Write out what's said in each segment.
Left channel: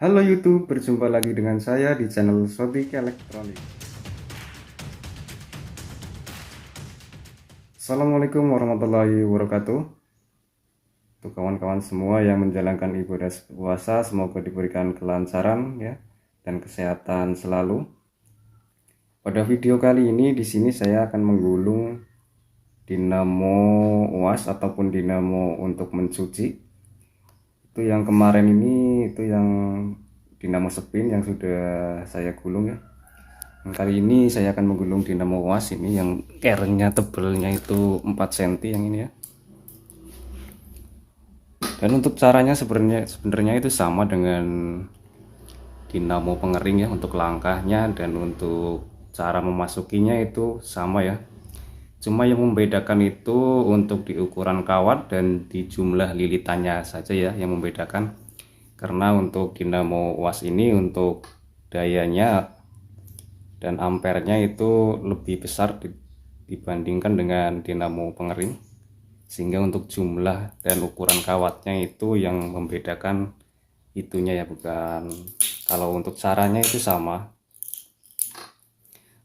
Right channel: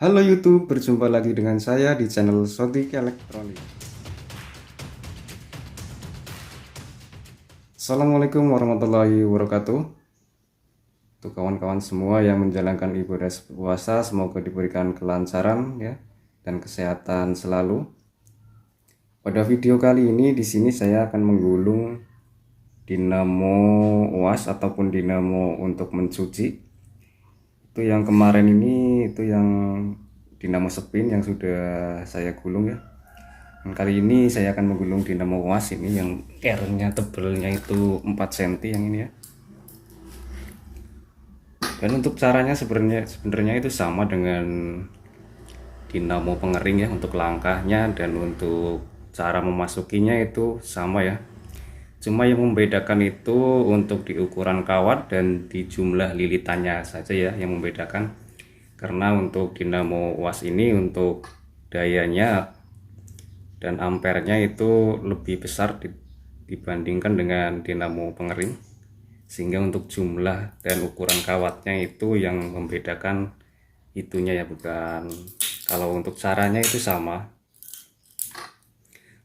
Halo YouTube, berjumpa lagi dengan saya di channel Sotik Elektronik. Assalamualaikum warahmatullahi wabarakatuh. Untuk kawan-kawan semua yang menjalankan ibadah puasa, semoga diberikan kelancaran ya dan kesehatan selalu. Pada video kali ini di sini saya akan menggulung dinamo UAS ataupun dinamo untuk mencuci. Itu yang kemarin ini itu yang dinamo spin yang sudah saya gulung ya. Kali ini saya akan menggulung dinamo UAS ini yang keringnya tebelnya itu 4 cm yang ini ya. Dan untuk caranya sebenarnya itu sama dengan dinamo pengering ya, untuk langkahnya dan untuk cara memasukinya itu sama ya. Cuma yang membedakan itu untuk di ukuran kawat dan di jumlah lilitannya saja ya yang membedakan. Karena untuk dinamo UAS ini untuk dayanya dan ampernya itu lebih besar dibandingkan dengan dinamo pengering, sehingga untuk jumlah dan ukuran kawatnya itu yang membedakan itunya ya, bukan. Kalau untuk caranya itu sama.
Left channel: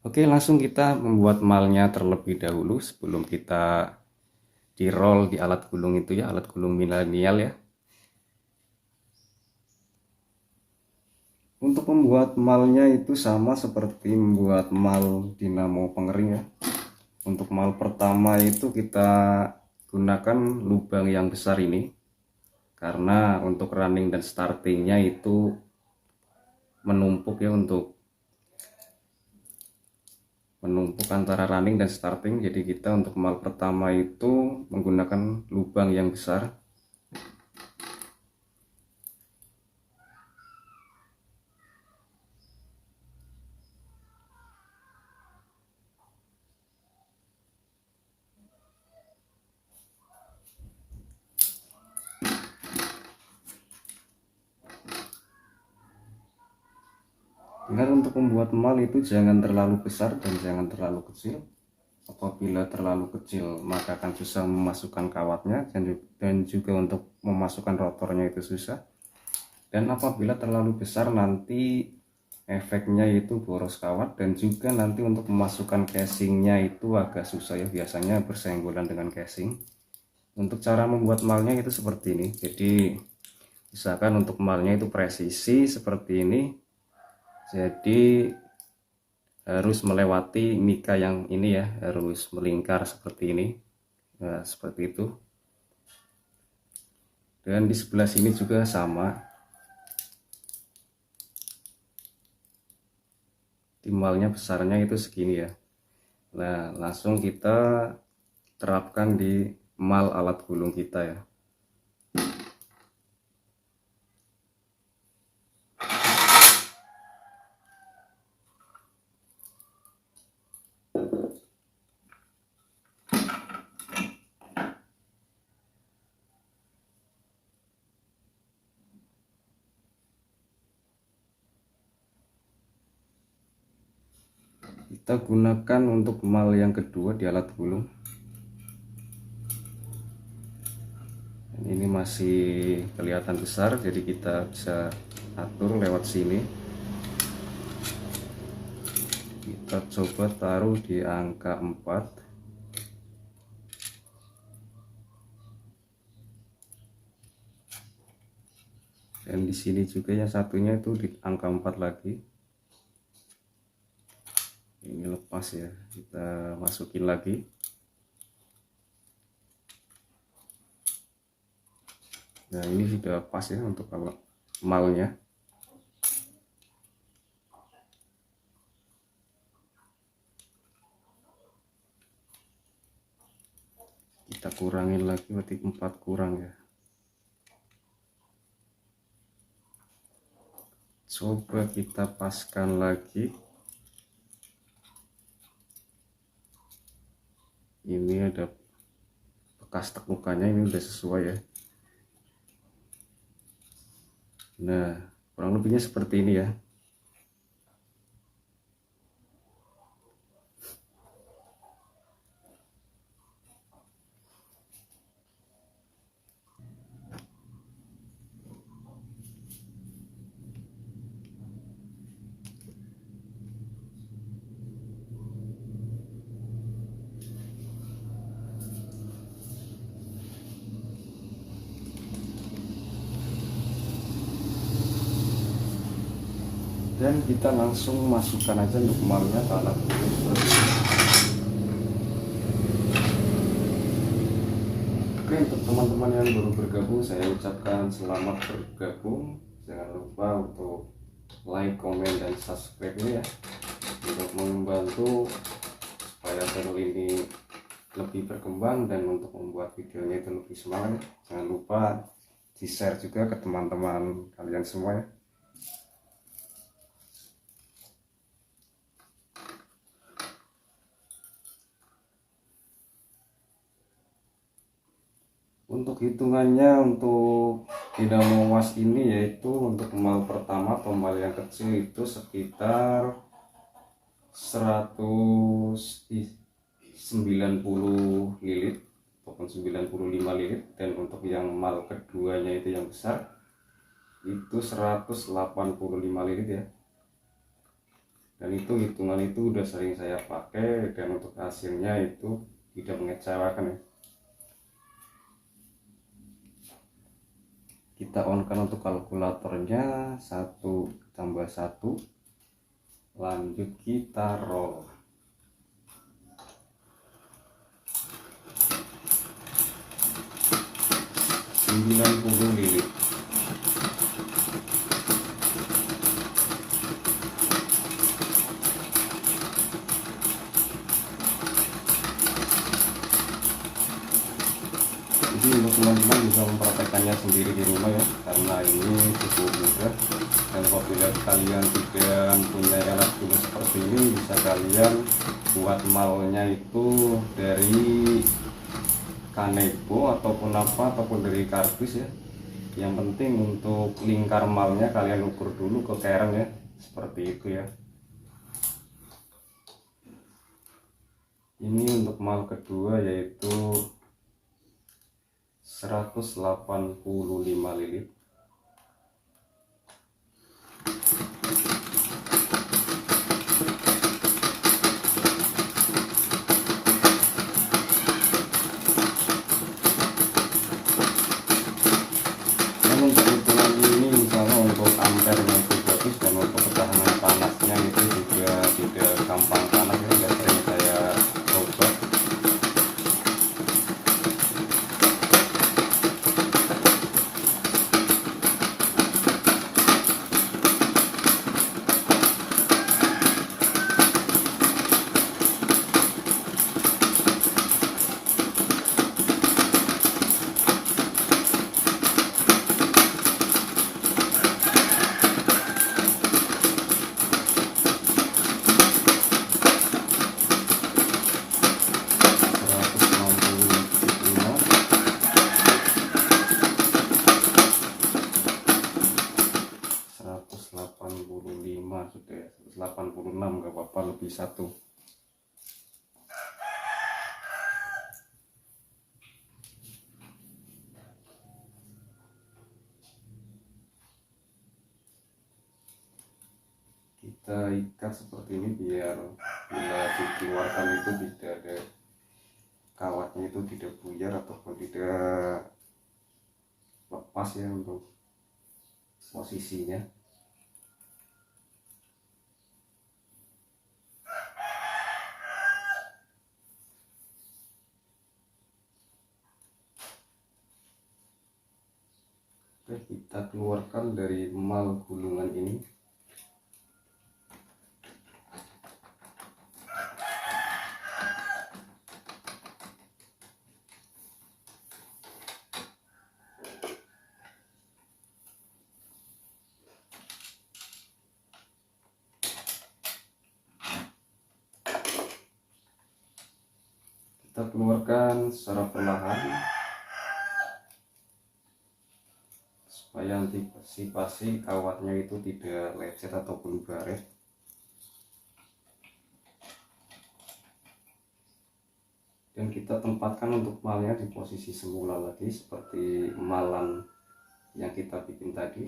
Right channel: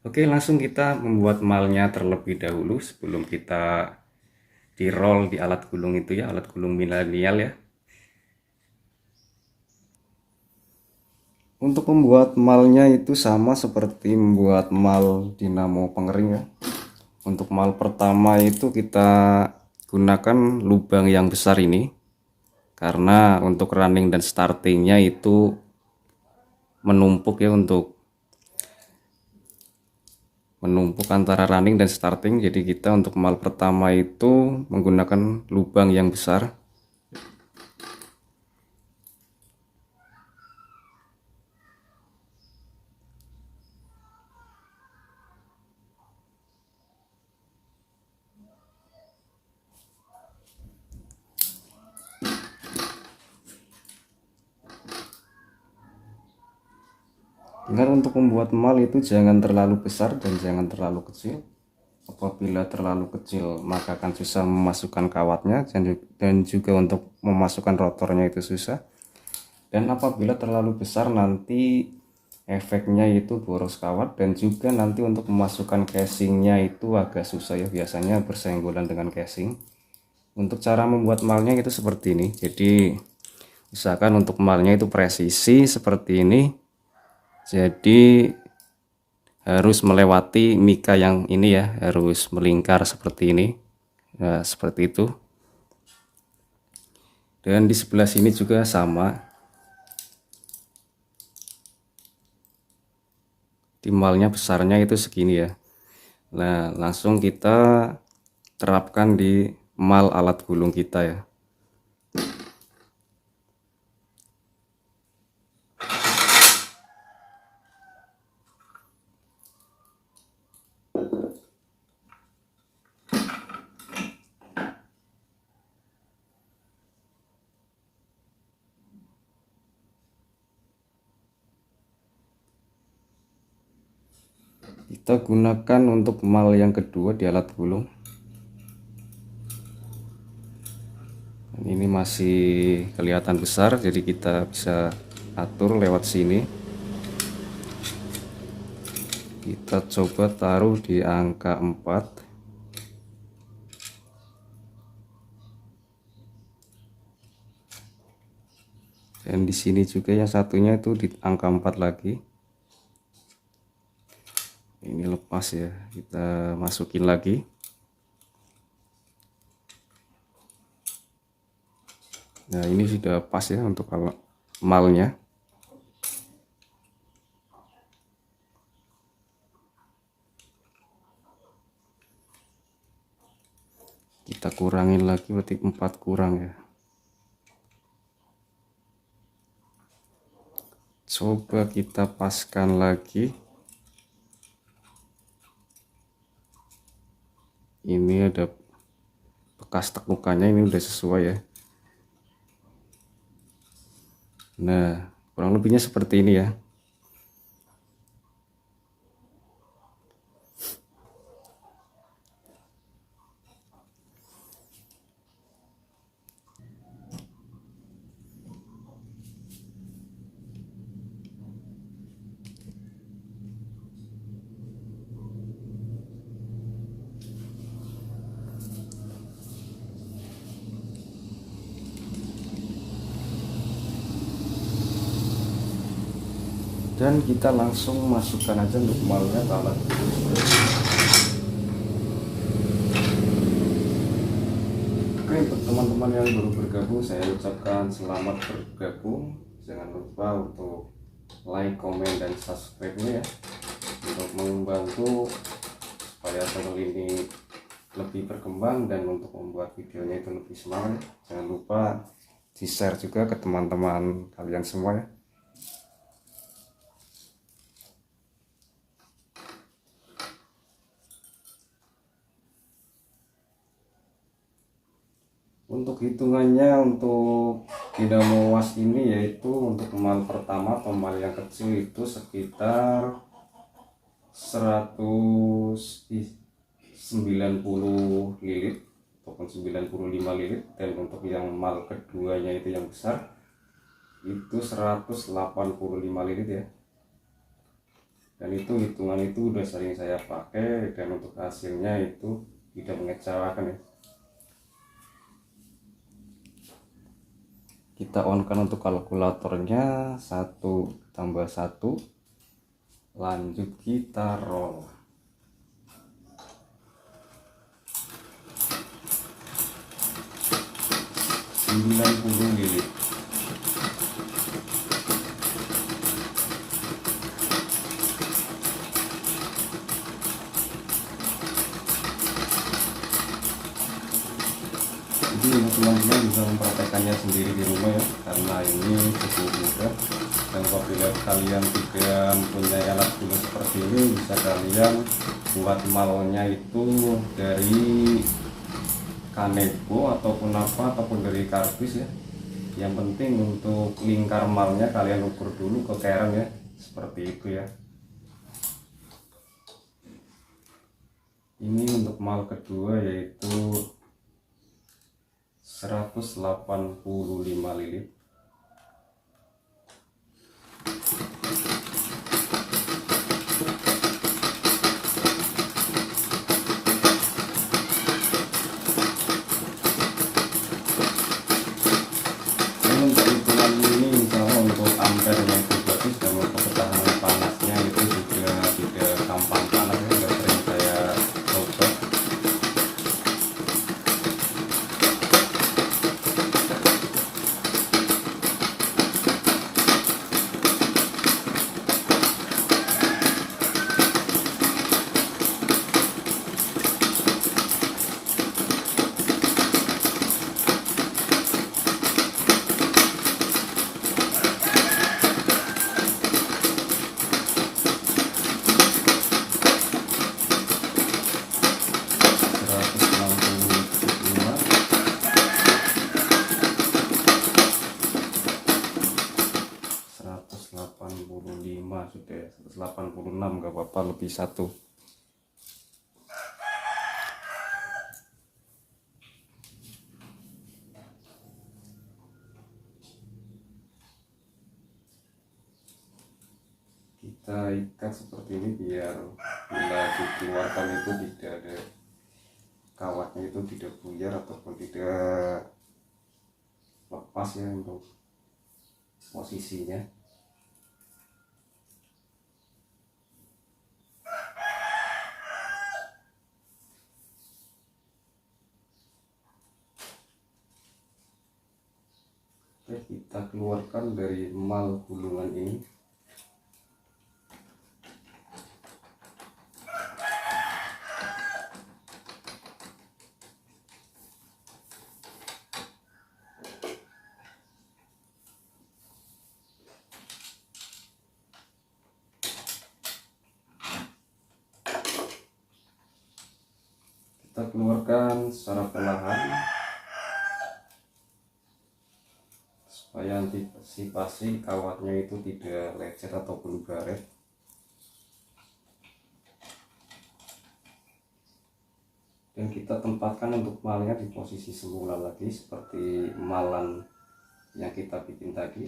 Oke, langsung kita membuat malnya terlebih dahulu sebelum kita di roll di alat gulung itu ya, alat gulung milenial ya. Untuk membuat malnya itu sama seperti membuat mal dinamo pengering ya. Untuk mal pertama itu kita gunakan lubang yang besar ini, karena untuk running dan startingnya itu menumpuk ya, untuk menumpuk antara running dan starting. Jadi kita untuk mal pertama itu menggunakan lubang yang besar. Dengan untuk membuat mal itu jangan terlalu besar dan jangan terlalu kecil. Apabila terlalu kecil maka akan susah memasukkan kawatnya, dan juga untuk memasukkan rotornya itu susah. Dan apabila terlalu besar nanti efeknya itu boros kawat, dan juga nanti untuk memasukkan casingnya itu agak susah ya, biasanya bersenggolan dengan casing. Untuk cara membuat malnya itu seperti ini. Jadi usahakan untuk malnya itu presisi seperti ini. Jadi harus melewati mika yang ini ya, harus melingkar seperti ini. Nah, seperti itu. Dan di sebelah sini juga sama. Timbalnya besarnya itu segini ya. Nah, langsung kita terapkan di mal alat gulung kita ya. Kita gunakan untuk mal yang kedua di alat gulung. Ini masih kelihatan besar, jadi kita bisa atur lewat sini. Kita coba taruh di angka 4. Dan di sini juga yang satunya itu di angka 4 lagi. Ini lepas ya, kita masukin lagi. Nah, ini sudah pas ya untuk malnya. Kita kurangin lagi, berarti 4 kurang ya. Coba kita paskan lagi. Ini ada bekas tekukannya, ini udah sesuai ya. Nah, kurang lebihnya seperti ini ya. dan kita langsung masukkan aja untuk malnya ke alat ini. Oke, untuk teman-teman yang baru bergabung, saya ucapkan selamat bergabung. Jangan lupa untuk like, komen, dan subscribe-nya ya, untuk membantu supaya channel ini lebih berkembang dan untuk membuat videonya itu lebih semangat ya. Jangan lupa di share juga ke teman-teman kalian semua ya. Untuk hitungannya untuk dinamo was ini yaitu untuk mal pertama atau mal yang kecil itu sekitar 190 lilit ataupun 95 lilit, dan untuk yang mal keduanya itu yang besar itu 185 lilit ya. Dan itu hitungan itu udah sering saya pakai dan untuk hasilnya itu tidak mengecewakan ya. Kita on kan untuk kalkulatornya, 1 tambah 1, lanjut kita roll. Sembilan puluh lilit. Jadi untuk teman-teman bisa mempraktekannya sendiri di rumah ya, karena ini cukup mudah. Dan apabila kalian tidak punya alat guna seperti ini, bisa kalian buat malnya itu dari kanebo ataupun ataupun dari kardus ya. Yang penting untuk lingkar malnya kalian ukur dulu ke kereng ya, seperti itu ya. Ini untuk mal kedua yaitu 185 lilit. Dan untuk hitungan ini misalnya untuk ampere yang bagus dan untuk ketahanan panasnya itu juga tidak gampang panas ya, sudah sering saya coba. Sudah 186, nggak apa-apa, lebih 1. Kita ikat seperti ini biar bila dikeluarkan itu tidak ada kawatnya, itu tidak buyar ataupun tidak lepas ya untuk posisinya. Oke, kita keluarkan dari mal gulungan ini. Kita keluarkan secara perlahan supaya antisipasi kawatnya itu tidak lecet ataupun baret. Dan kita tempatkan untuk malnya di posisi semula lagi seperti malan yang kita bikin tadi.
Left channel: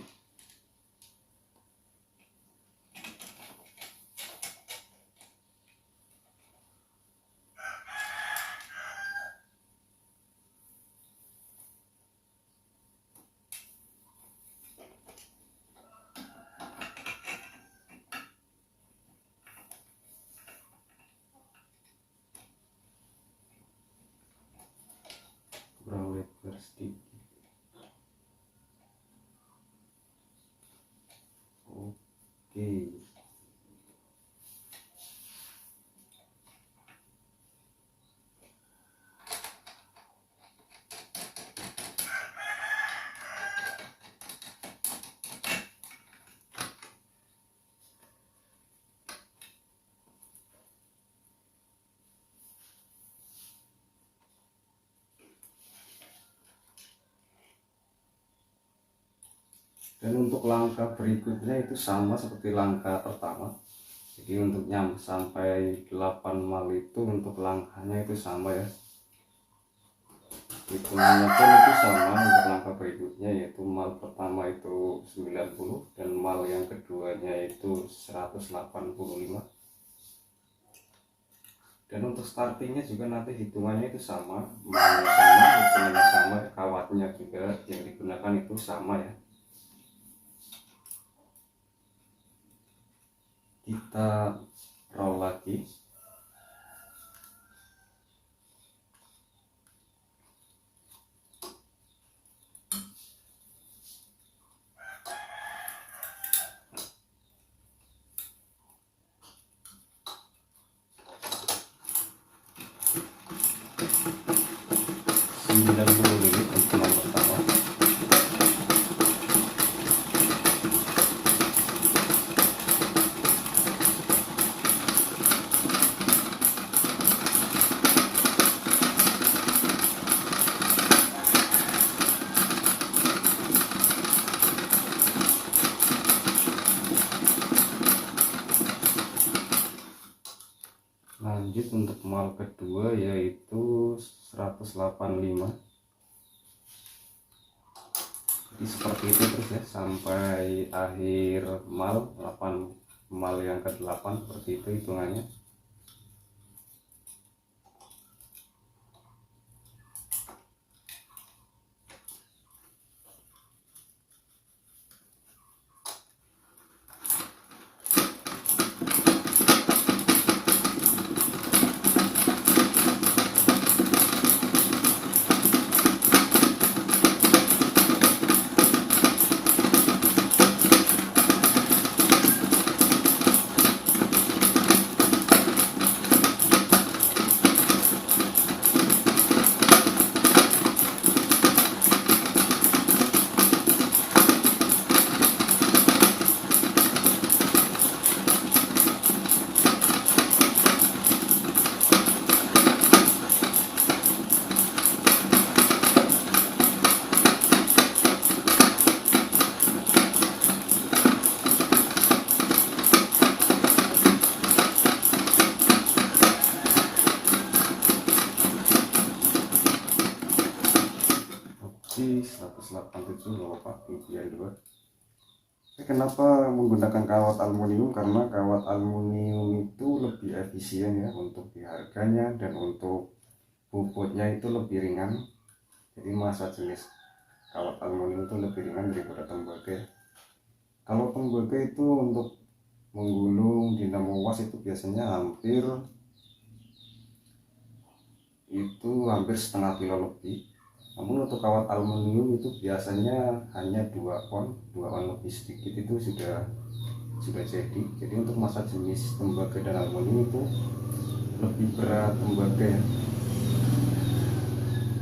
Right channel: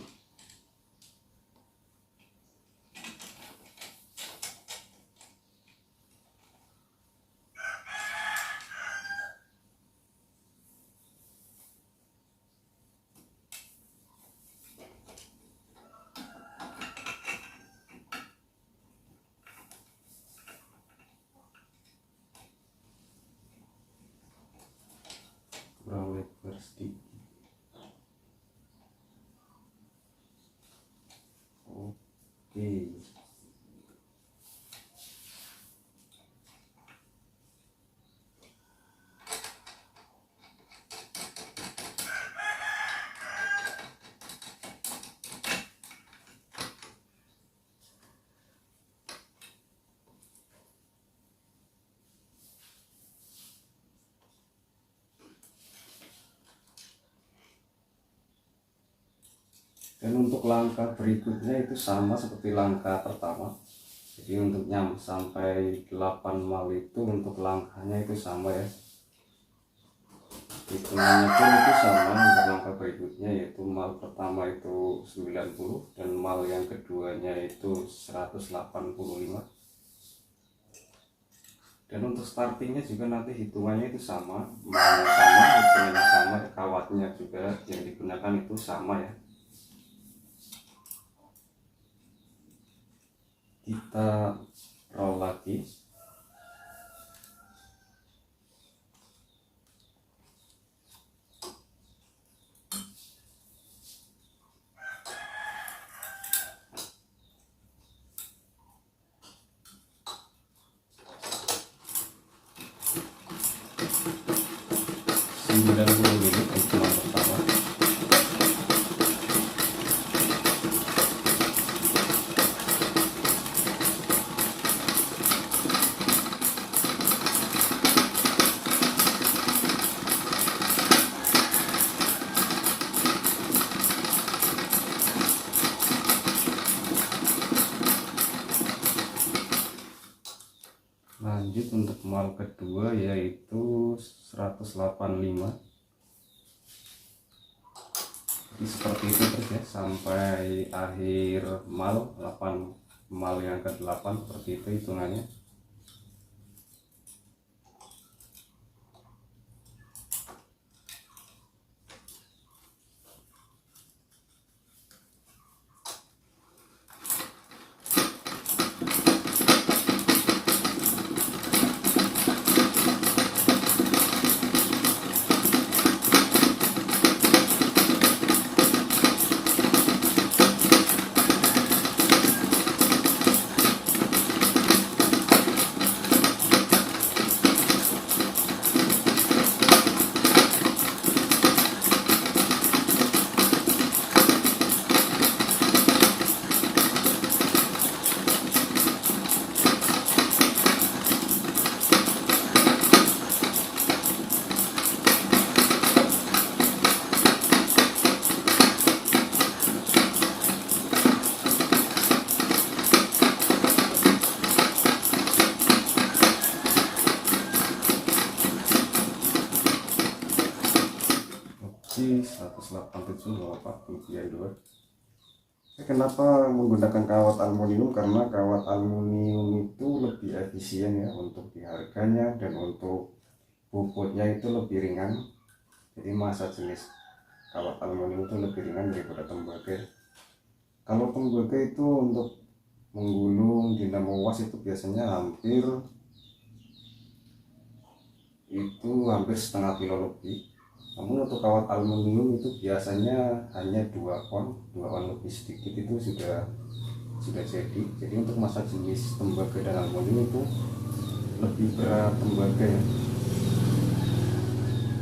lagi. Dan untuk langkah berikutnya itu sama seperti langkah pertama. Jadi untuk sampai 8 mal itu untuk langkahnya itu sama ya. Hitungannya pun itu sama untuk langkah berikutnya, yaitu mal pertama itu 90 dan mal yang keduanya itu 185. Dan untuk startingnya juga nanti hitungannya itu sama, malnya sama, hitungannya sama, kawatnya juga yang digunakan itu sama ya. Kita roll lagi. Sembilan puluh menit hitungan pertama. Lanjut untuk mal kedua yaitu 185. Jadi seperti itu terus ya sampai akhir mal 8 mal yang ke-8, seperti itu hitungannya. Oke, 187 nggak apa-apa, kelebihan 2. Kenapa menggunakan kawat aluminium? Karena kawat aluminium itu lebih efisien ya untuk di harganya, dan untuk bobotnya itu lebih ringan. Jadi massa jenis kawat aluminium itu lebih ringan daripada tembaga. Kalau tembaga itu untuk menggulung dinamo was itu biasanya hampir setengah kilo lebih. Namun untuk kawat aluminium itu biasanya hanya 2 on lebih sedikit itu sudah jadi. Jadi untuk massa jenis tembaga dan aluminium itu lebih berat tembaga ya.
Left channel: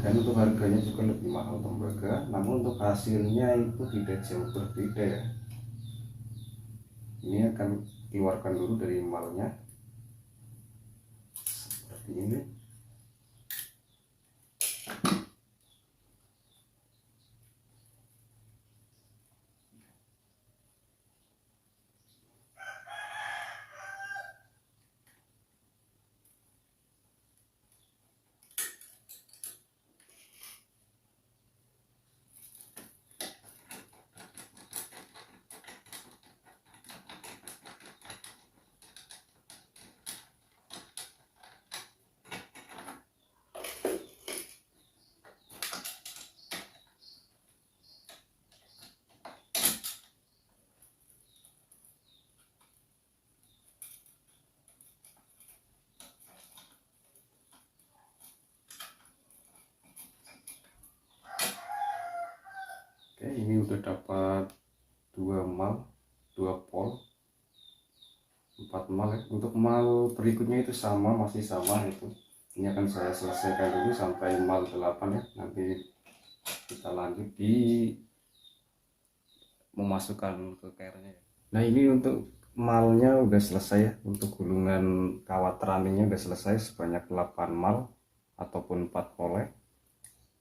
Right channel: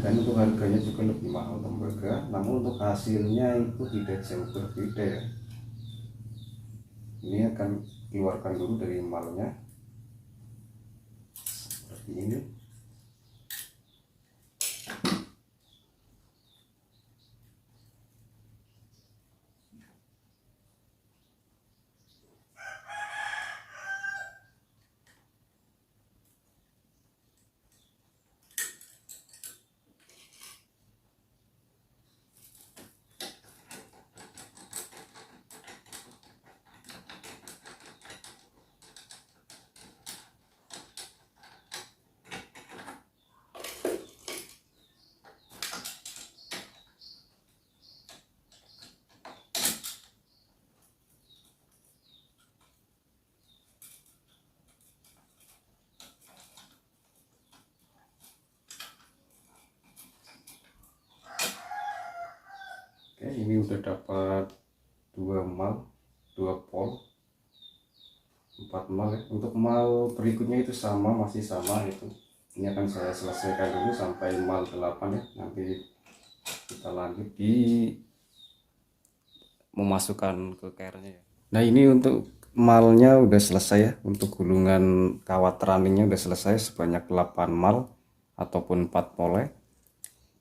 Dan untuk harganya juga lebih mahal tembaga, namun untuk hasilnya itu tidak jauh berbeda ya. Ini akan keluarkan dulu dari malnya seperti ini. Oke, ini udah dapat 2 mal, 2 pol. 4 mal ya. Untuk mal berikutnya itu sama, masih sama itu. Ini akan saya selesaikan dulu sampai mal 8 ya. Nanti kita lanjut di memasukkan ke cairnya ya. Nah ini untuk malnya udah selesai ya. Untuk gulungan kawat runningnya udah selesai sebanyak 8 mal ataupun 4 pole.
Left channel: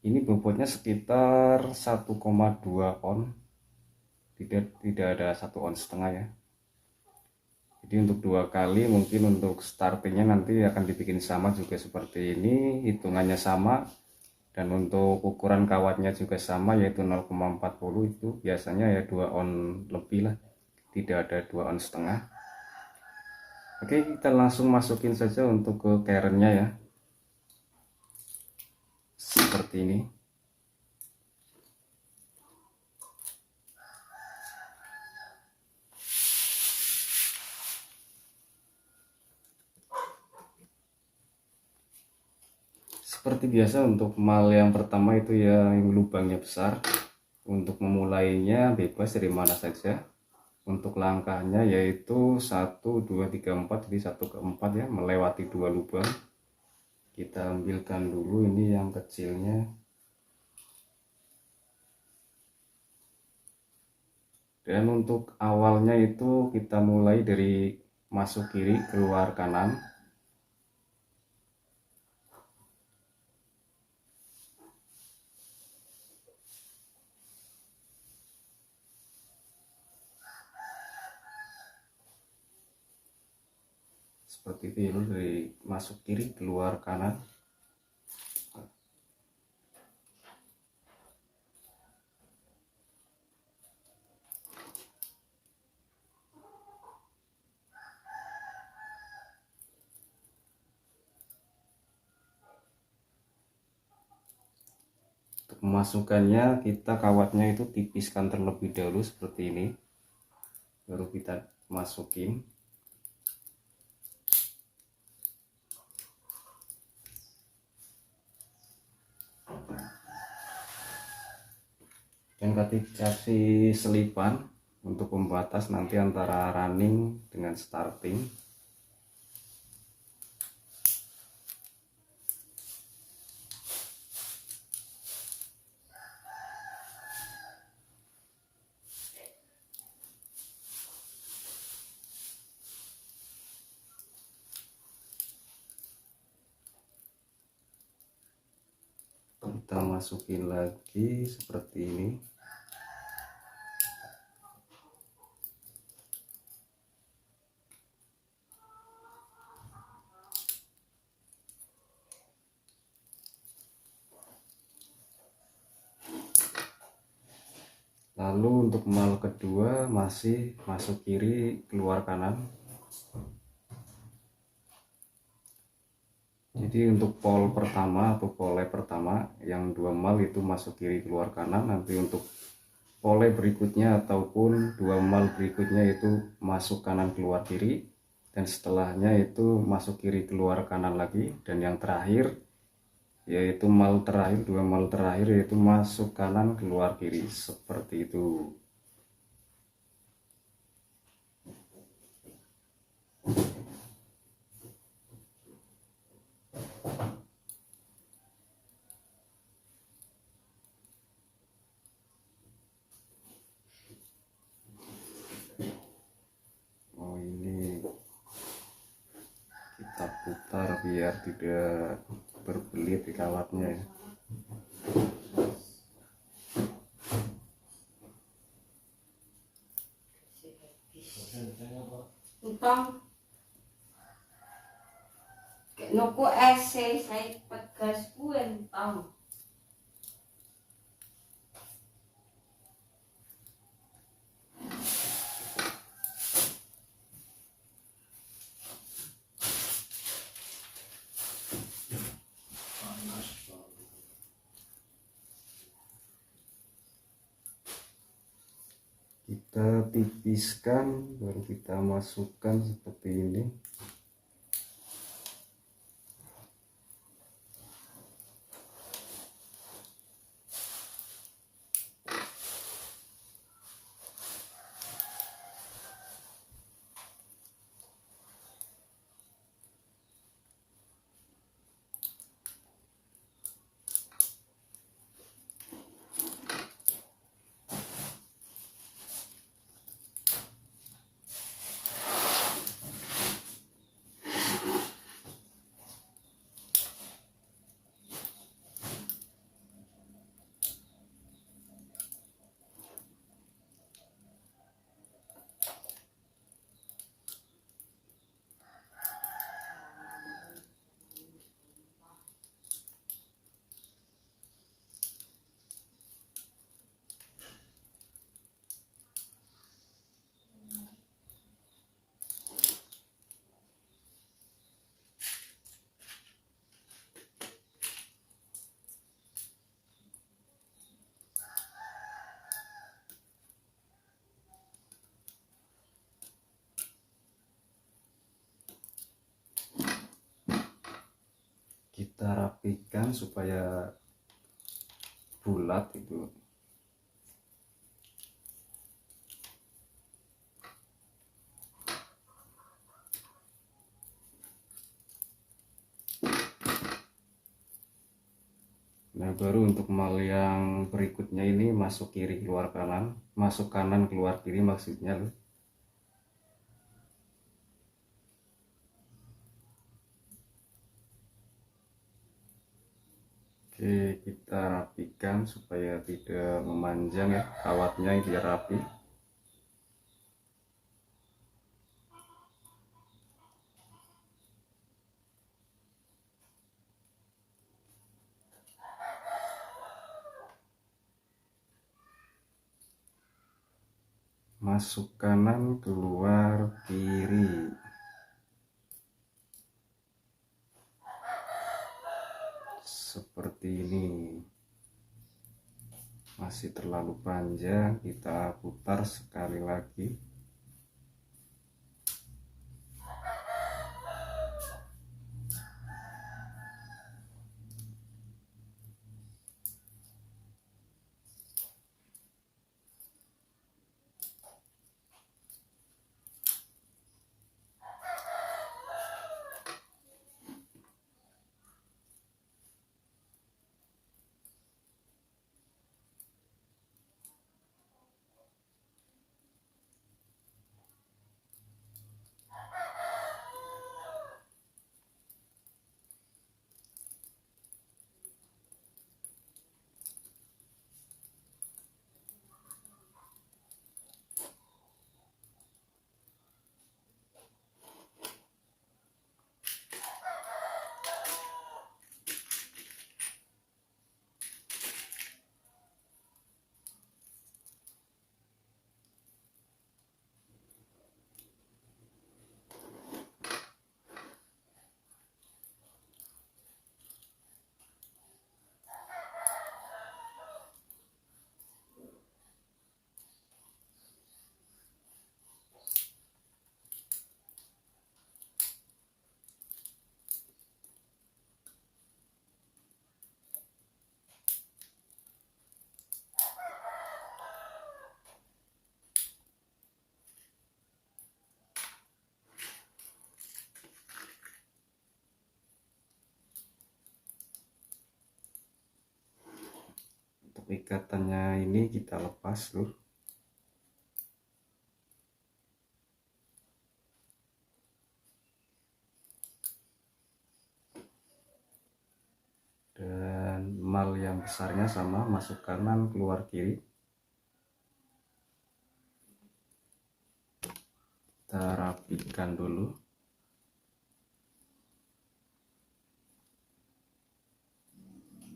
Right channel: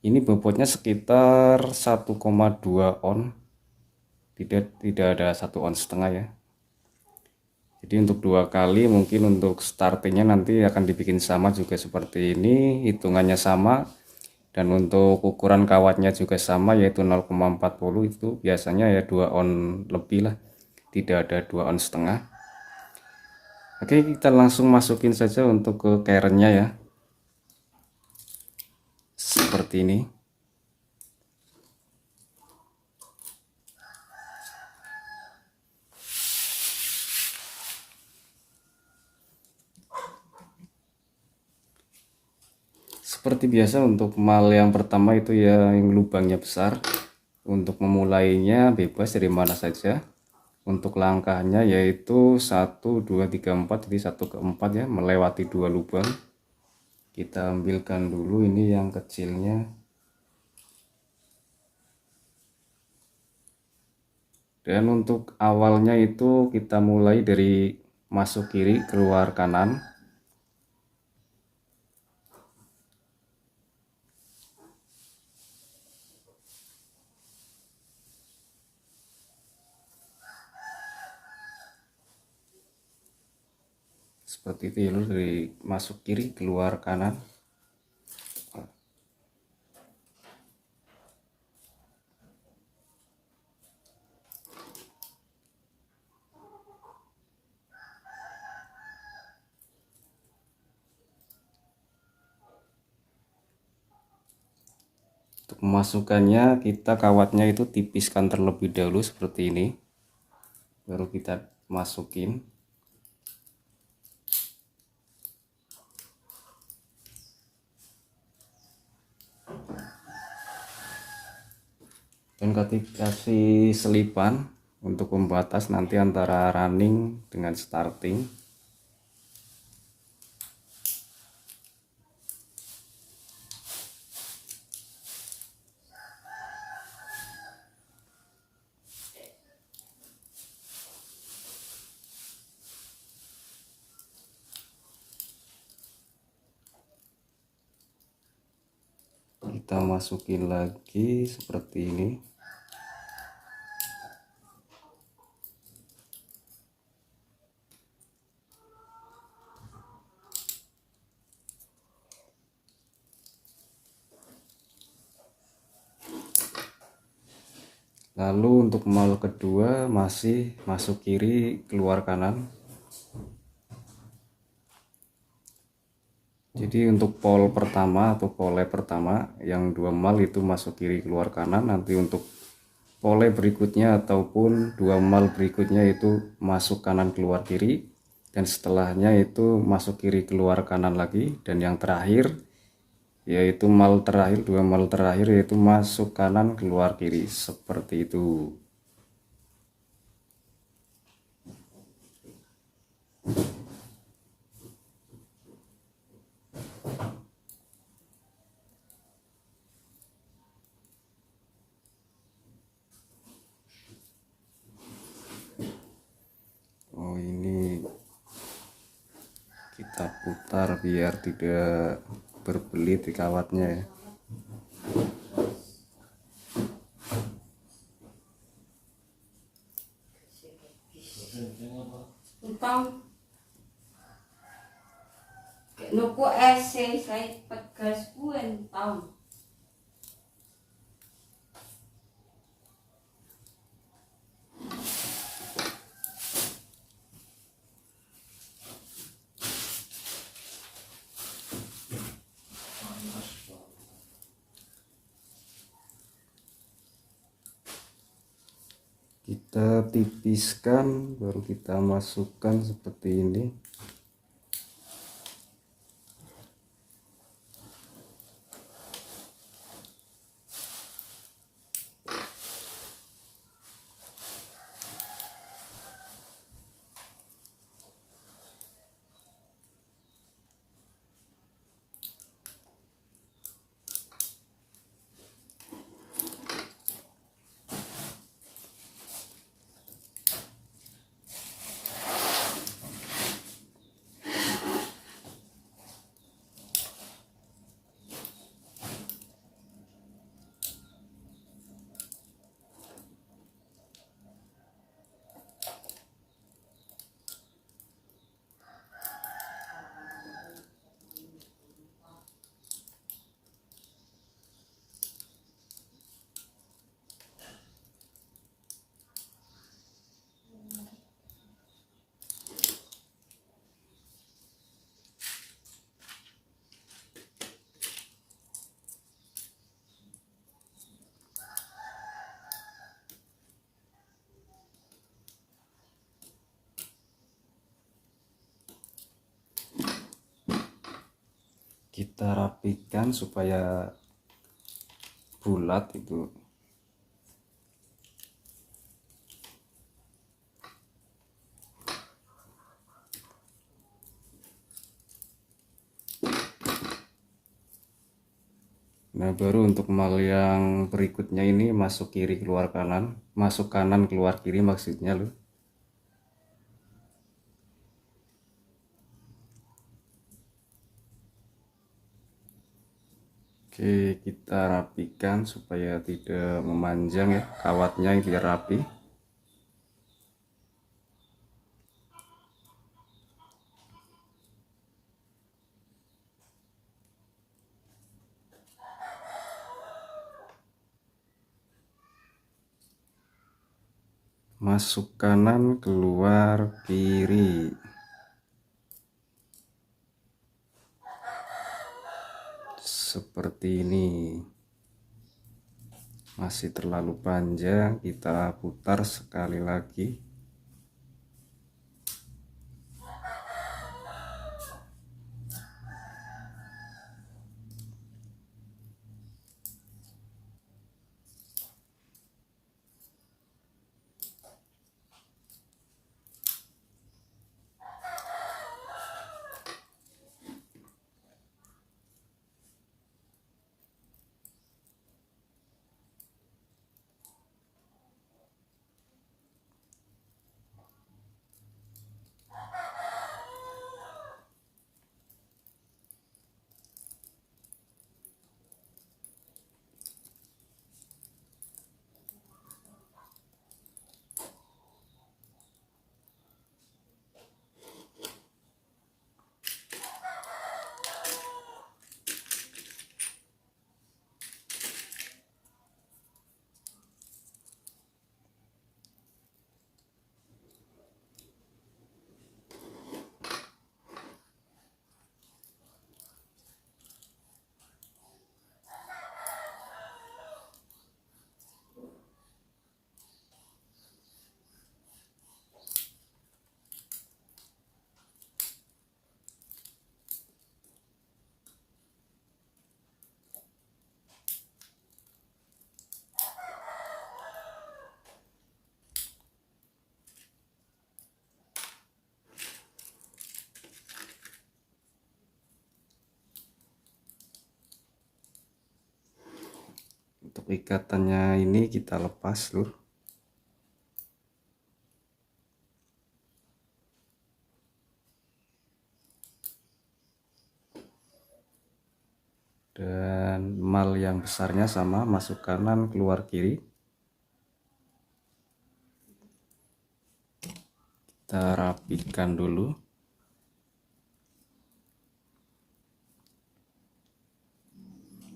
Ini bobotnya sekitar 1,2 on, tidak ada 1 on setengah ya. Jadi untuk 2 kali mungkin untuk startingnya nanti akan dibikin sama juga seperti ini, hitungannya sama, dan untuk ukuran kawatnya juga sama yaitu 0,40, itu biasanya ya 2 on lebih lah, tidak ada 2 on setengah. Oke, kita langsung masukin saja untuk ke cairnya ya, seperti ini. Seperti biasa untuk mal yang pertama itu ya yang lubangnya besar. Untuk memulainya bebas dari mana saja. Untuk langkahnya yaitu 1 2 3 4, jadi 1 ke 4 ya, melewati 2 lubang. Kita ambilkan dulu ini yang kecilnya. Dan untuk awalnya itu kita mulai dari masuk kiri keluar kanan. Seperti itu ya, dari masuk kiri keluar kanan. Untuk memasukkannya kita kawatnya itu tipiskan terlebih dahulu seperti ini, baru kita masukin. Dan kasih selipan untuk pembatas nanti antara running dengan starting. Kita masukin lagi seperti ini. Lalu untuk mal kedua masih masuk kiri keluar kanan. Jadi untuk pol pertama atau pole pertama yang 2 mal itu masuk kiri keluar kanan. Nanti untuk pole berikutnya ataupun 2 mal berikutnya itu masuk kanan keluar kiri, dan setelahnya itu masuk kiri keluar kanan lagi, dan yang terakhir yaitu mal terakhir, 2 mal terakhir yaitu masuk kanan keluar kiri, seperti itu. Oh ini kita putar biar tidak berbelit di kawatnya ya. Utang nuku ese saya pegas entang. Kita tipiskan baru kita masukkan seperti ini. kita rapikan supaya bulat itu. Nah, baru untuk mal yang berikutnya ini masuk kiri keluar kanan, masuk kanan keluar kiri maksudnya loh. Oke, kita rapikan supaya tidak memanjang ya, kawatnya biar rapi. Masuk kanan keluar kiri. Seperti ini. Masih terlalu panjang, kita putar sekali lagi. Untuk ikatannya ini kita lepas loh. Dan mal yang besarnya sama, masuk kanan keluar kiri. Kita rapikan dulu.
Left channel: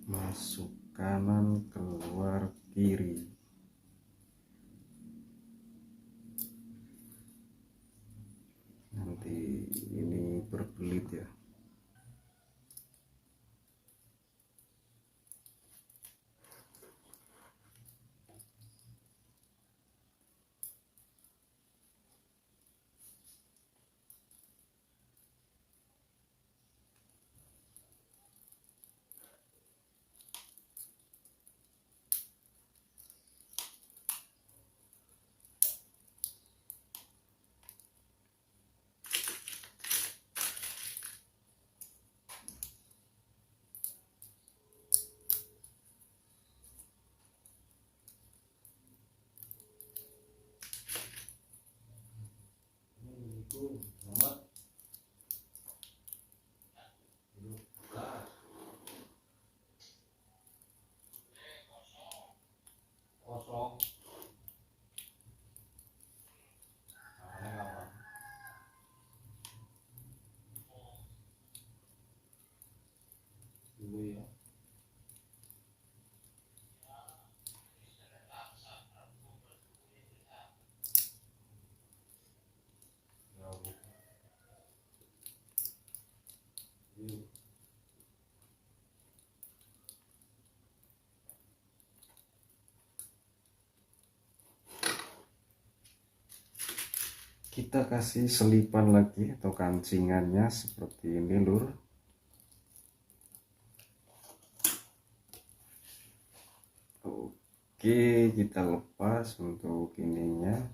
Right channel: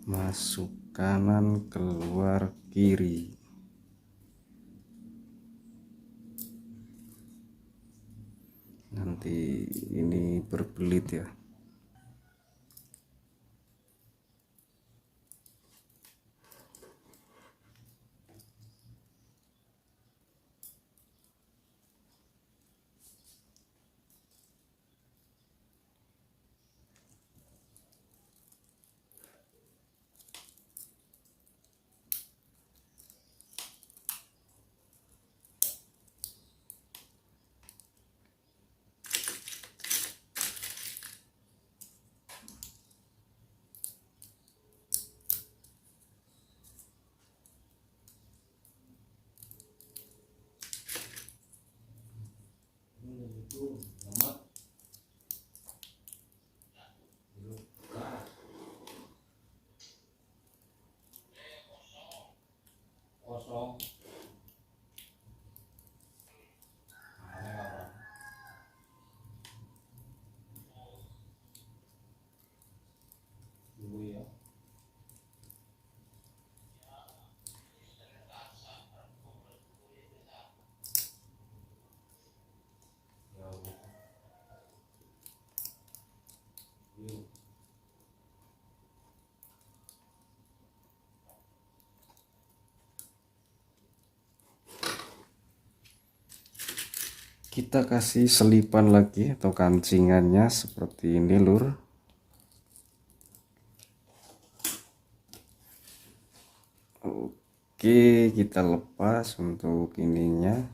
Masuk kanan keluar kiri. Nanti ini berbelit ya. Kita kasih selipan lagi atau kancingannya seperti ini lur. Oke, kita lepas untuk ininya.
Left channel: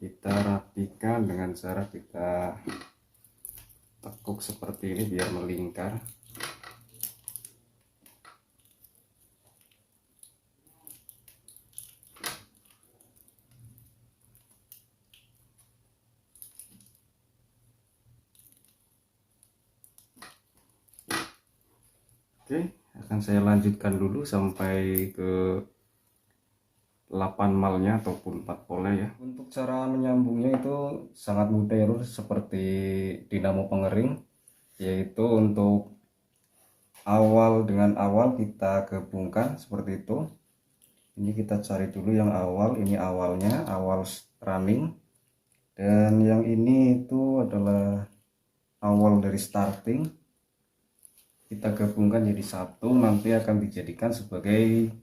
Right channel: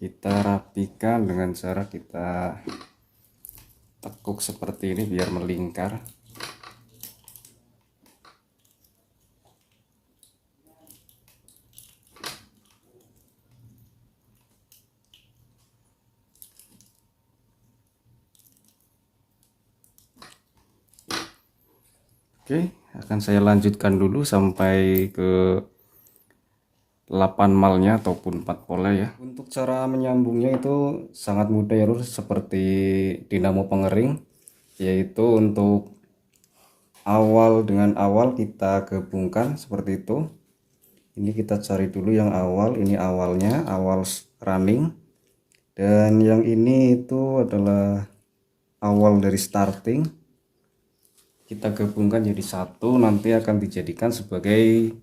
Kita rapikan dengan cara kita tekuk seperti ini biar melingkar. Oke, akan saya lanjutkan dulu sampai ke 8 malnya ataupun 4 pola ya. Untuk cara menyambungnya itu sangat mudah ya lur, seperti dinamo pengering, yaitu untuk awal dengan awal kita gabungkan seperti itu. Ini kita cari dulu yang awal, ini awalnya, awal running, dan yang ini itu adalah awal dari starting. Kita gabungkan jadi satu, nanti akan dijadikan sebagai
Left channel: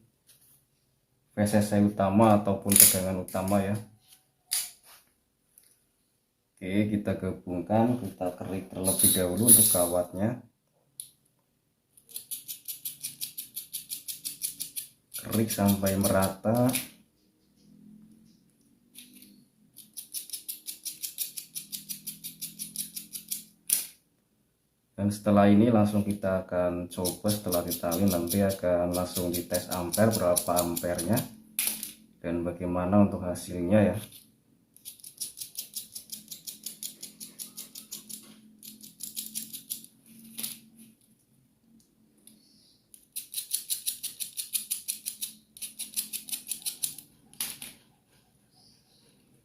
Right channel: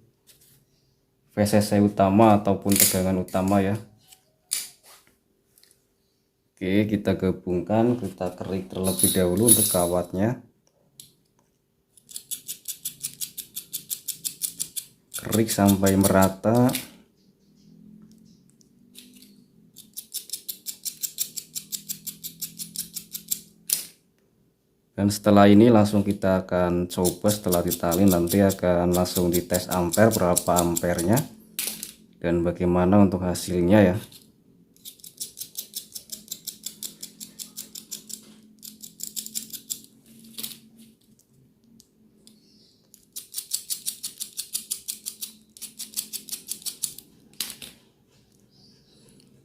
VCC utama ataupun tegangan utama ya. Oke, kita gabungkan, kita kerik terlebih dahulu untuk kawatnya. Kerik sampai merata. Dan setelah ini langsung kita akan coba, setelah ditali nanti akan langsung dites ampere, berapa ampernya dan bagaimana untuk hasilnya ya.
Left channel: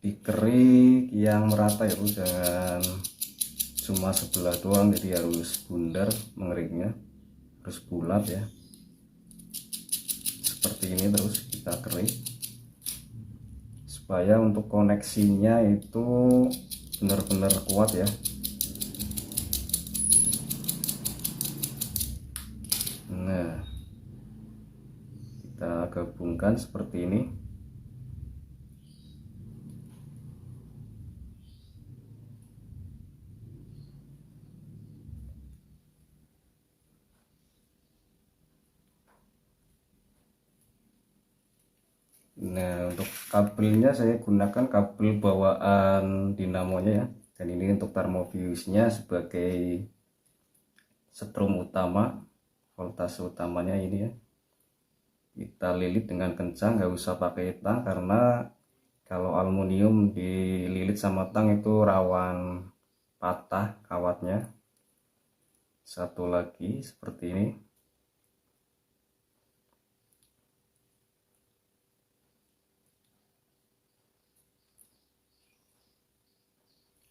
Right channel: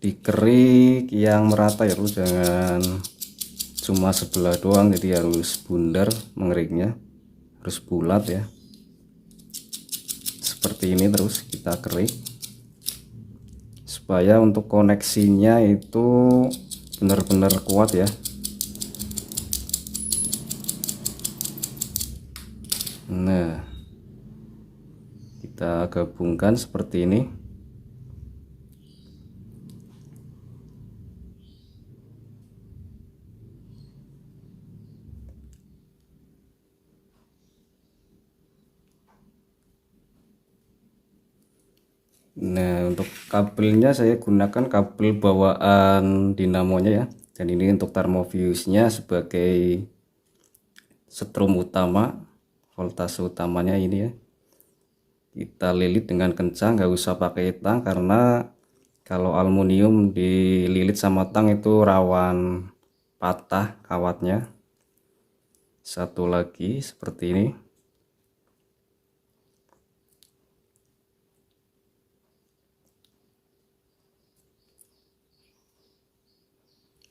Dikerik yang merata ya, jangan cuma sebelah doang, jadi harus bundar mengeriknya, harus bulat ya, seperti ini. Terus kita kerik supaya untuk koneksinya itu benar-benar kuat ya. Nah, kita gabungkan seperti ini. Nah, untuk kabelnya saya gunakan kabel bawaan dinamonya ya, dan ini untuk termofuse-nya sebagai setrum utama, voltase utamanya ini ya. Kita lilit dengan kencang, nggak usah pakai tang, karena kalau aluminium dililit sama tang itu rawan patah kawatnya. Satu lagi seperti ini.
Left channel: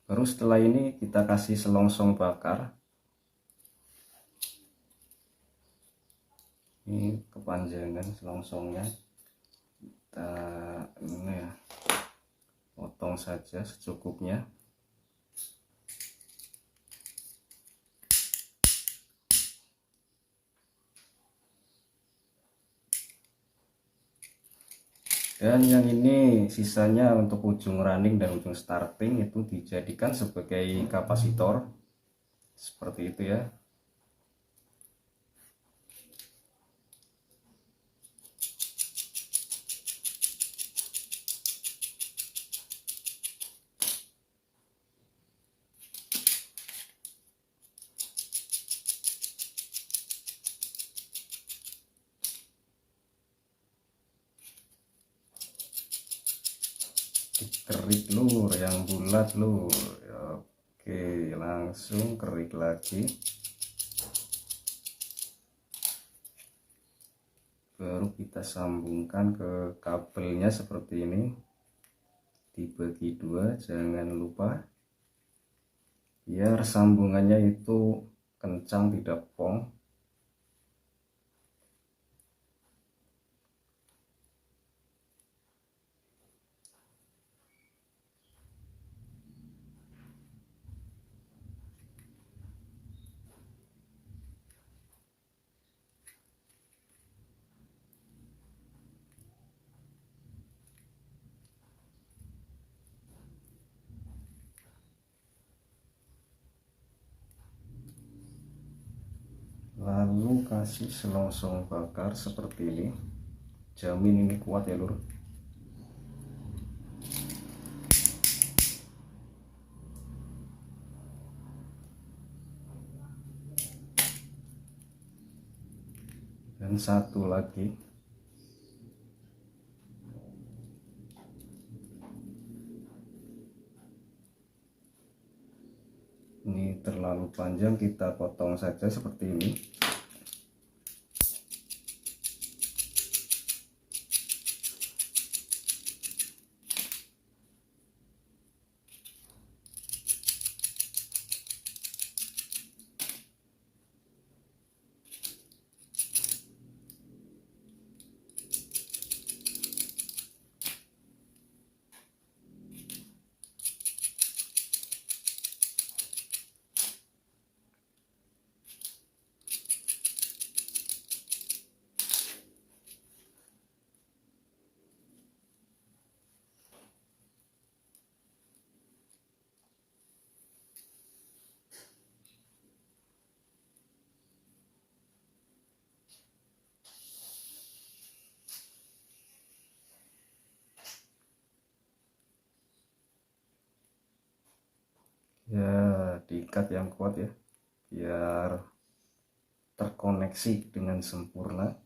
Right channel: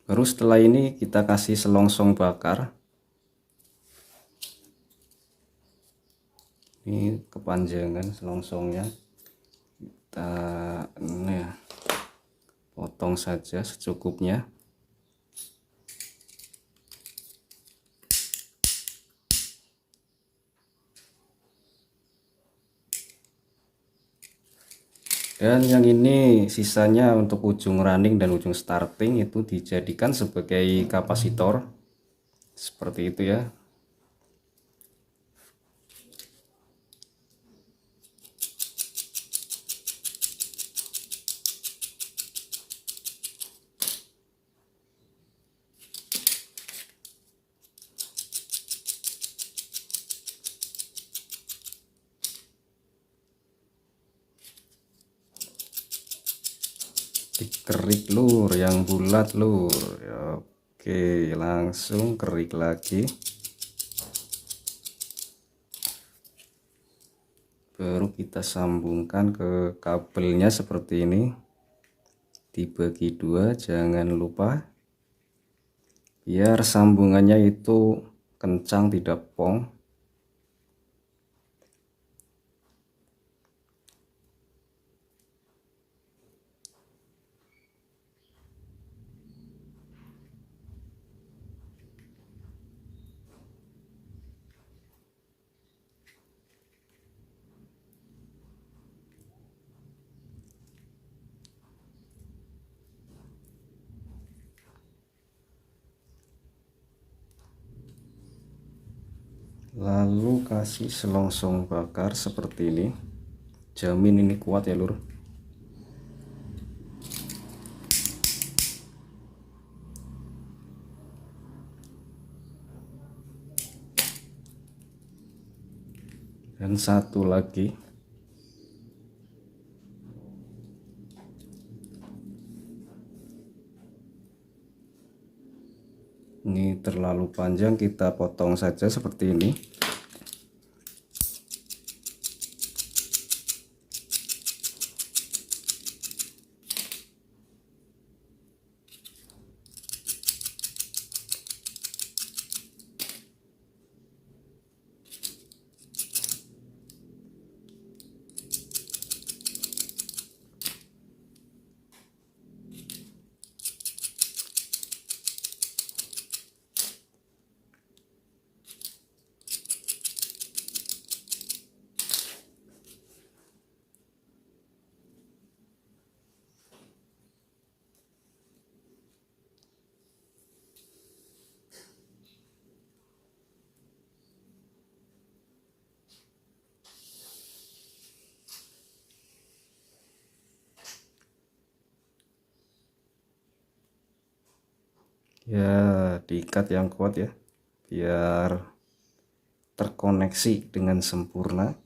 Baru setelah ini kita kasih selongsong bakar. Ini kepanjangan selongsongnya, kita ini ya, potong saja secukupnya. Dan yang ini sisanya untuk ujung running dan ujung starting itu dijadikan sebagai kapasitor seperti itu ya. Dikerik lur, yang bulat lur. Oke, langsung kerik lagi. Baru kita sambungkan ke kabelnya seperti ini, dibagi dua, jangan lupa biar sambungannya itu kencang, tidak pong. lalu kasih selongsong bakar seperti ini. Jamin ini kuat ya lur. Dan satu lagi, ini terlalu panjang, kita potong saja seperti ini. Ya, diikat yang kuat ya, biar terkoneksi dengan sempurna.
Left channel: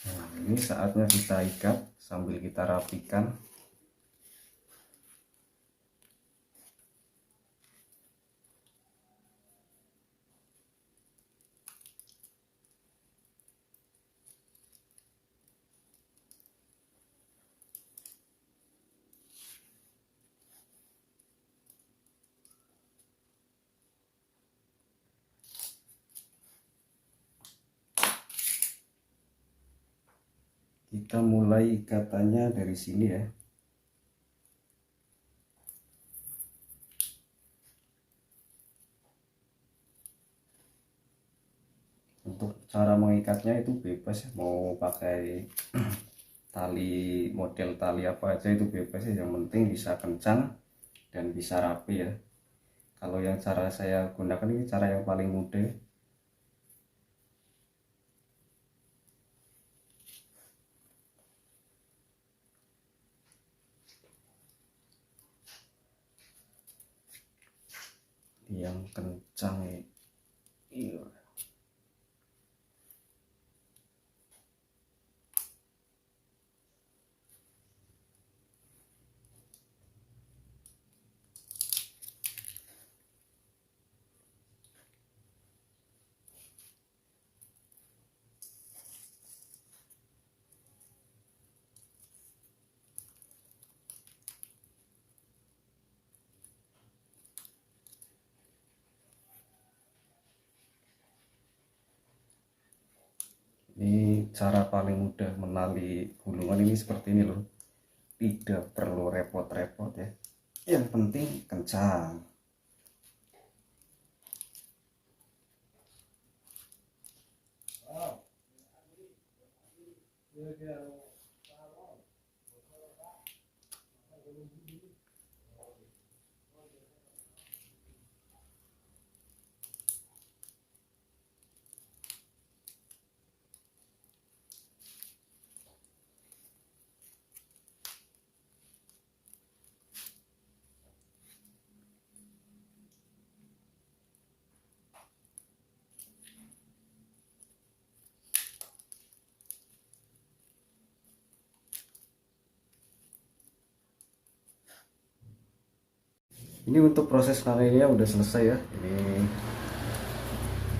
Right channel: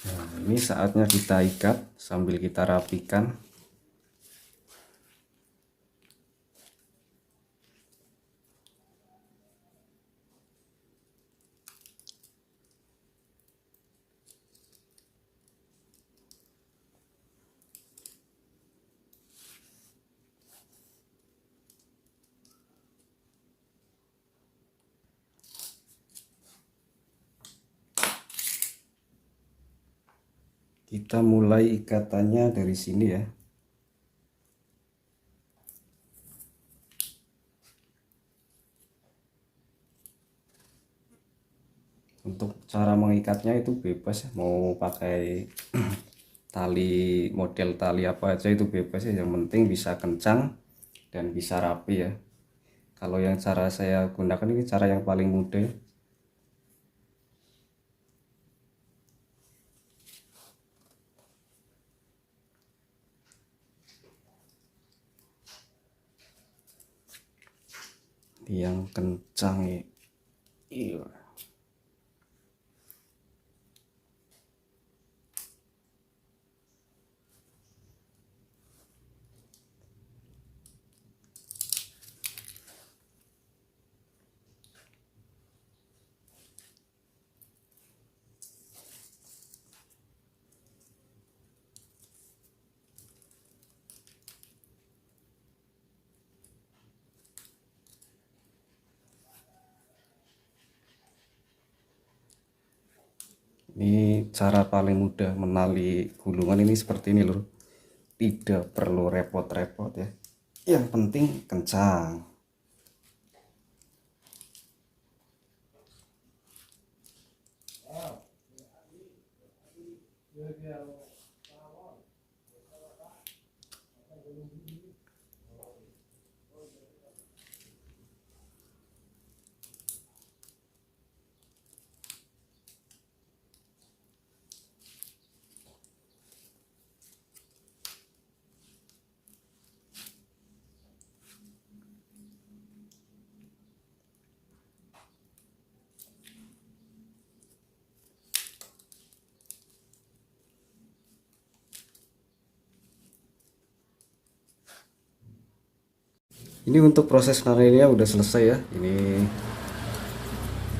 Nah, ini saatnya kita ikat sambil kita rapikan. Kita mulai ikatannya dari sini ya. Untuk cara mengikatnya itu bebas ya, mau pakai tali, model tali apa aja itu bebas ya, yang penting bisa kencang dan bisa rapi ya. Kalau yang cara saya gunakan ini cara yang paling mudah. Yang kencang ya. Iya. Ini cara paling mudah menali gulungan ini seperti ini loh. Tidak perlu repot-repot ya. Yang penting kencang. Ini untuk proses nalinnya udah selesai ya. Ini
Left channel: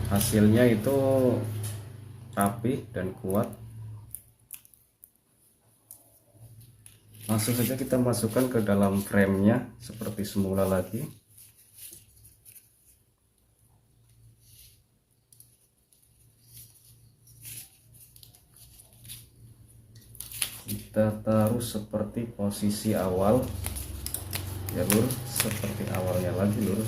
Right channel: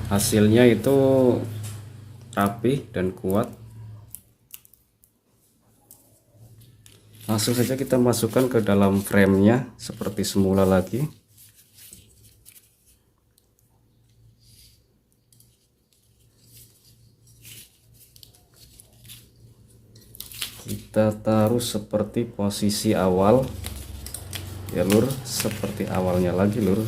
hasilnya itu rapi dan kuat. Langsung saja kita masukkan ke dalam framenya seperti semula lagi. Kita taruh seperti posisi awal. ya lur, seperti awalnya lagi lur.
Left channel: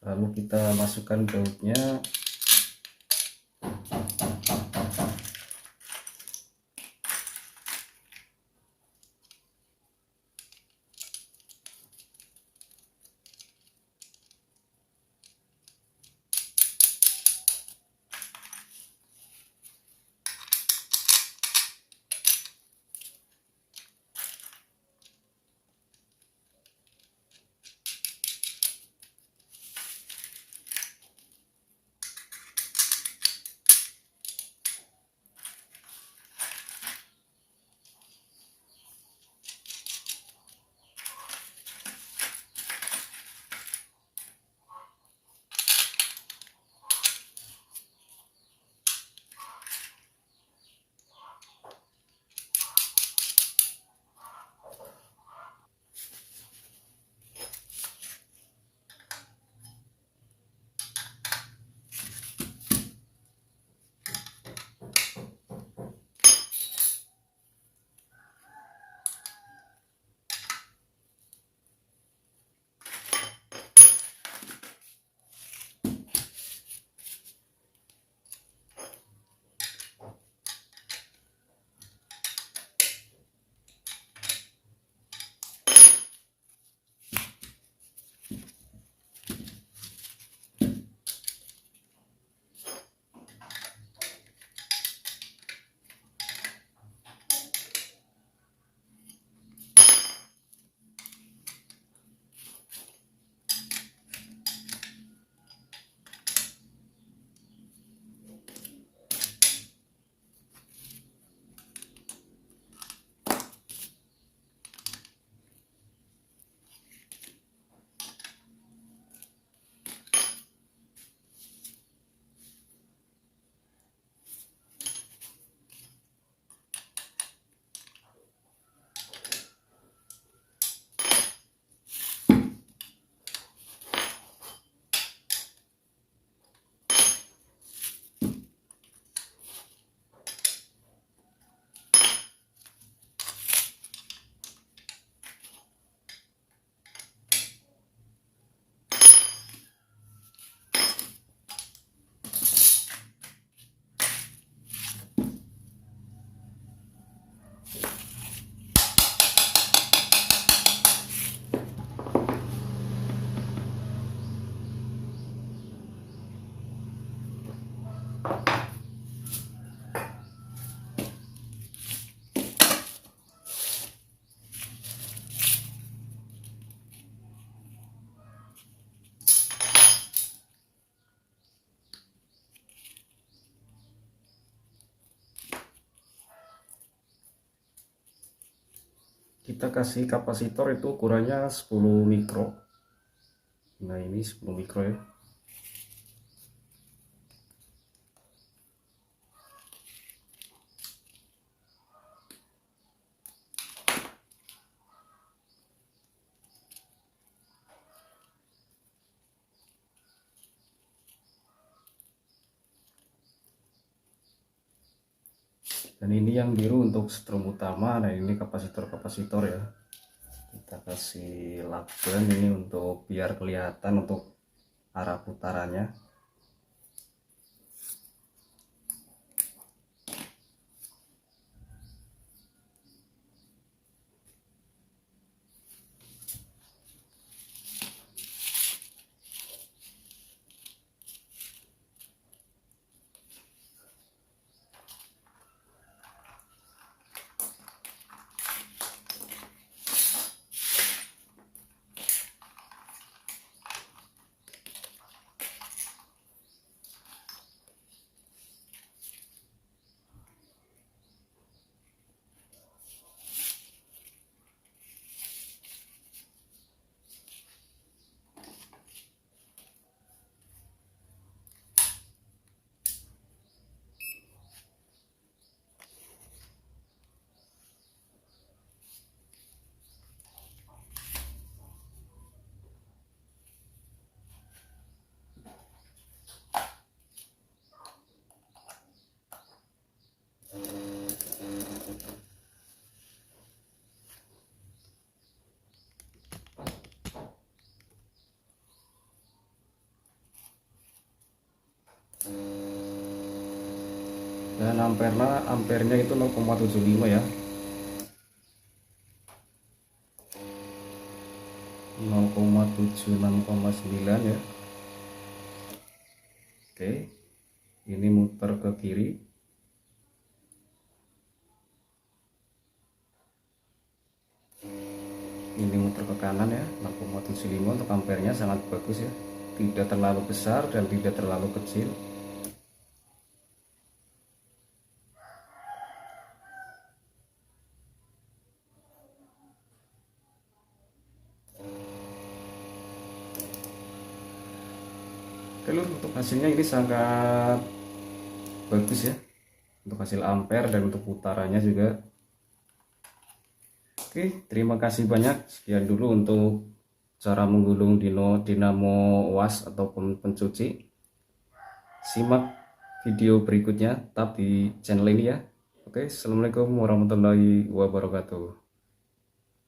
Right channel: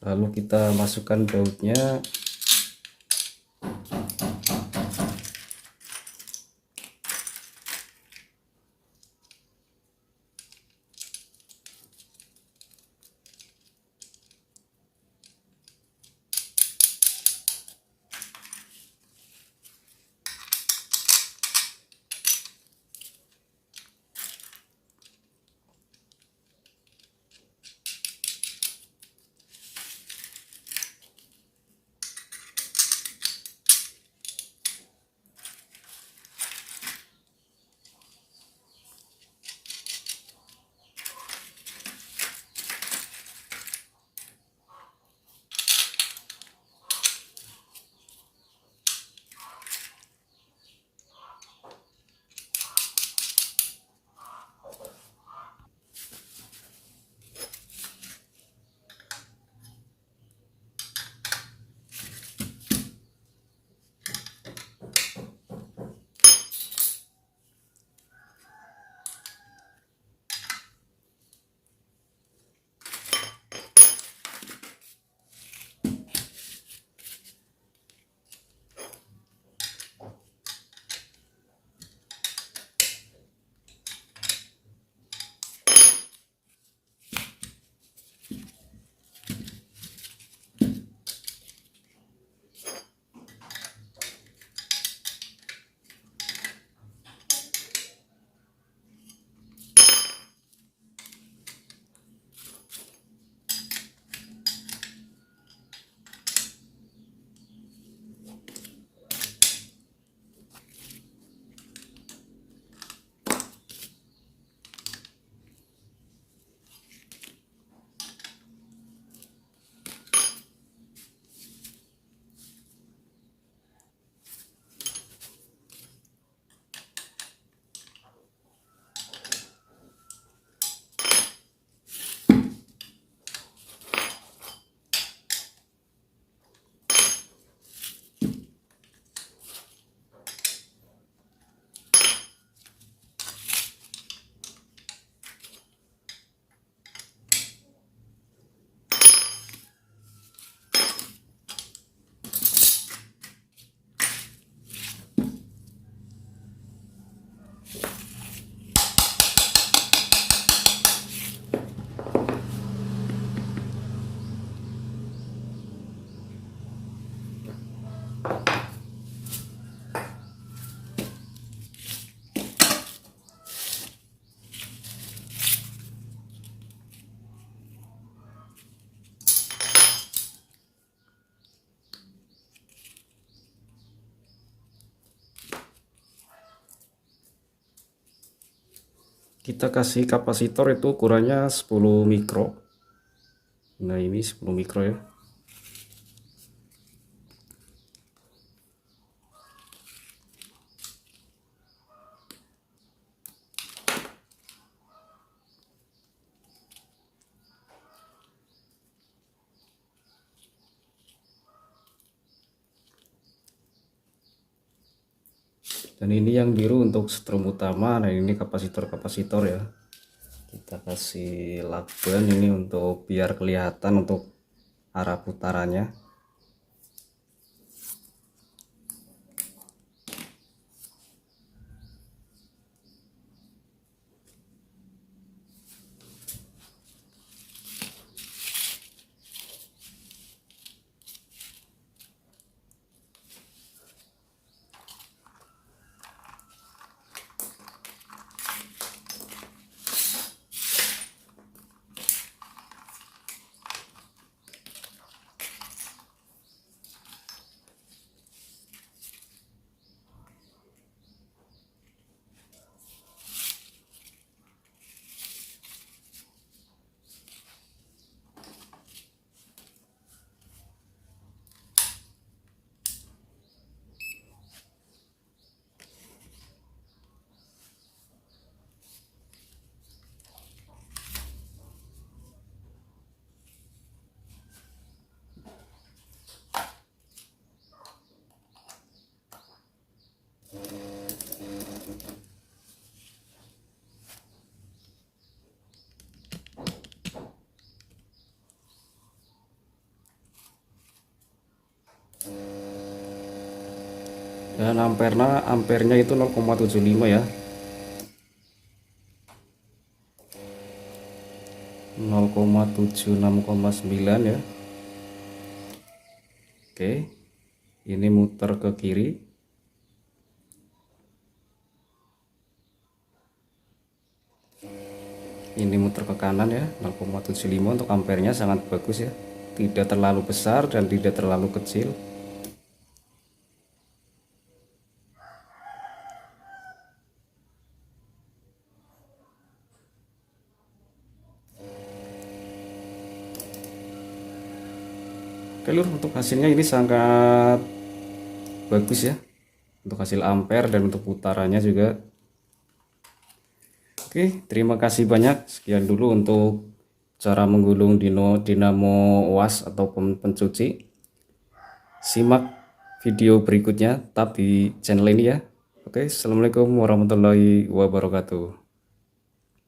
Lalu kita masukkan bautnya. Kita kasih kapasitor itu ukurannya 10 mikro. Nah ini 10 mikro ya. Dan ini yang biru untuk strom utama. Nah ini kapasitor ya. Kita kasih lakban ini untuk biar kelihatan untuk arah putarannya. Dan ampernya itu 0,75 ya, 0,76,9 ya. Oke, ini muter ke kiri. Ini muter ke kanan ya, 0,75 untuk ampernya sangat bagus ya. Tidak terlalu besar dan tidak terlalu kecil. Oke lur, untuk hasilnya ini sangat bagus ya. Untuk hasil ampere dan untuk putarannya juga. Oke, terima kasih banyak. Sekian dulu untuk cara menggulung dinamo UAS ataupun pencuci. Simak video berikutnya tetap di channel ini ya. Oke, assalamualaikum warahmatullahi wabarakatuh.